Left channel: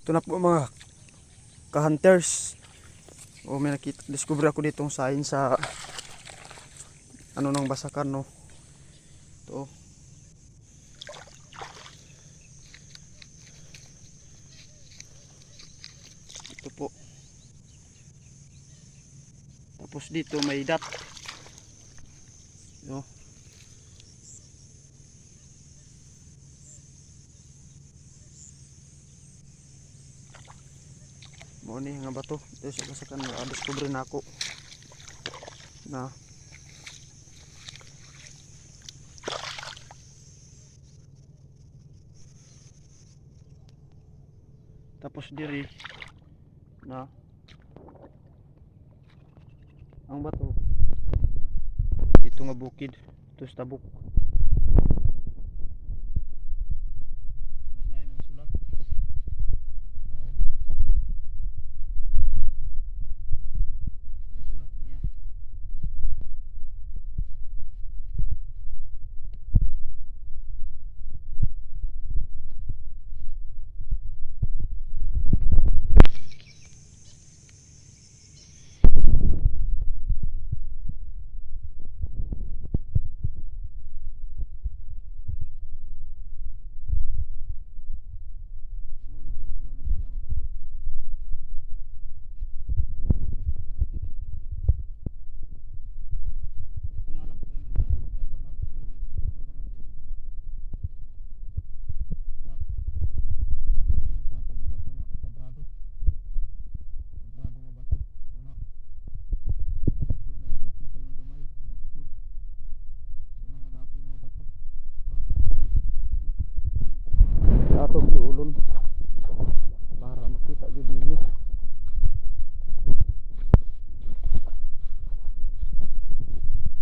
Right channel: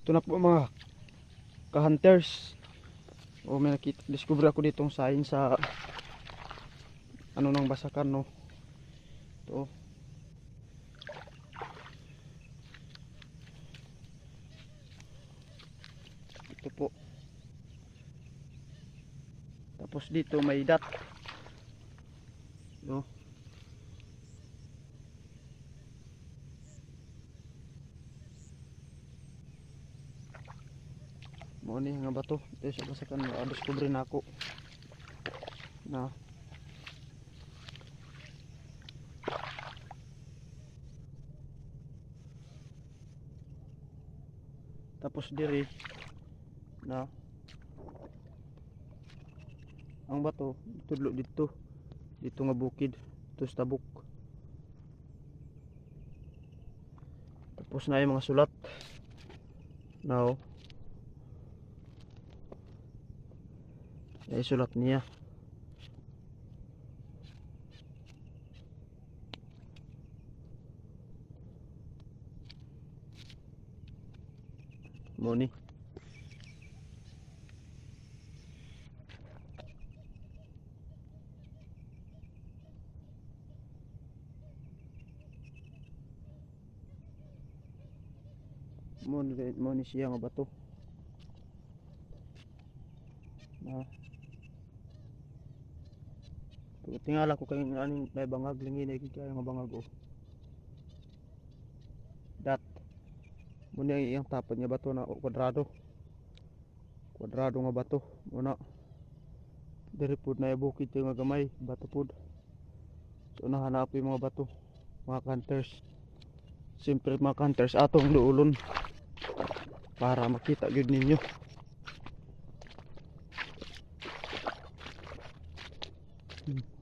Ito na po mga ka-hunters. O may nakita, discover ako ditong sign sa ano ng basakan, no. Ito. Ito po. Tapos dito may dot. Ito. Mo ni nga bato. Ito sa basakan, discover na ako. Na tapos diri na ang bato tudlo dito nga bukid, ito sa tabok. Tapos na yung mga sulat now ay sulat niya. Moni Moni siya nga bato. Tingala ko kay aning may bangag lingi na kay nga bangag o. Dat. Muna iyang tapad nga bato na kwadrado. Kwadrado nga bato. Muna. Diri pud na bukid nga gamay, bato pud. So nahanap yung mga bato, mga hunters. Siyempre mga hunters atong luulon para makita gyud ninyo.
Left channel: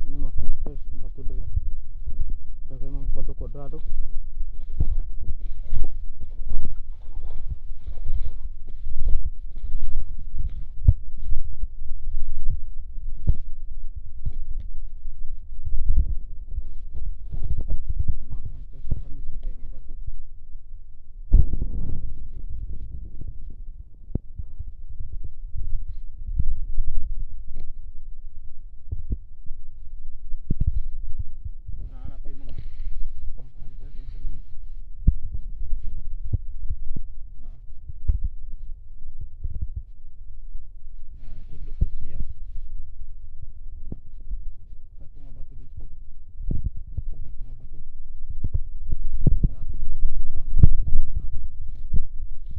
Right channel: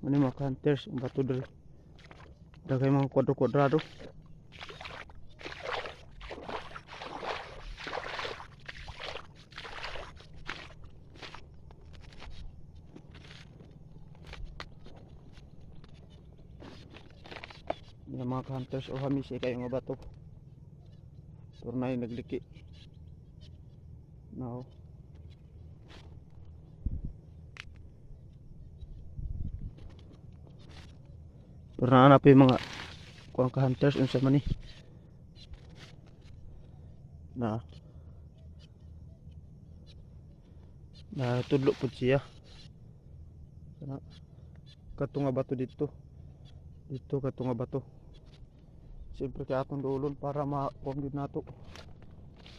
Ano mga hunters ang bato diri. Dagay mga kwadro-kwadrado. Yung mga hunters o hamisi kayo nga bato. So na yung nagliki. Now pero nahanap yung mga kuang ka-hunters unsa man ni na tudlo pud siya kato nga bato dito kato nga bato. Siyempre kaya atong dulon para ma-pongid nato.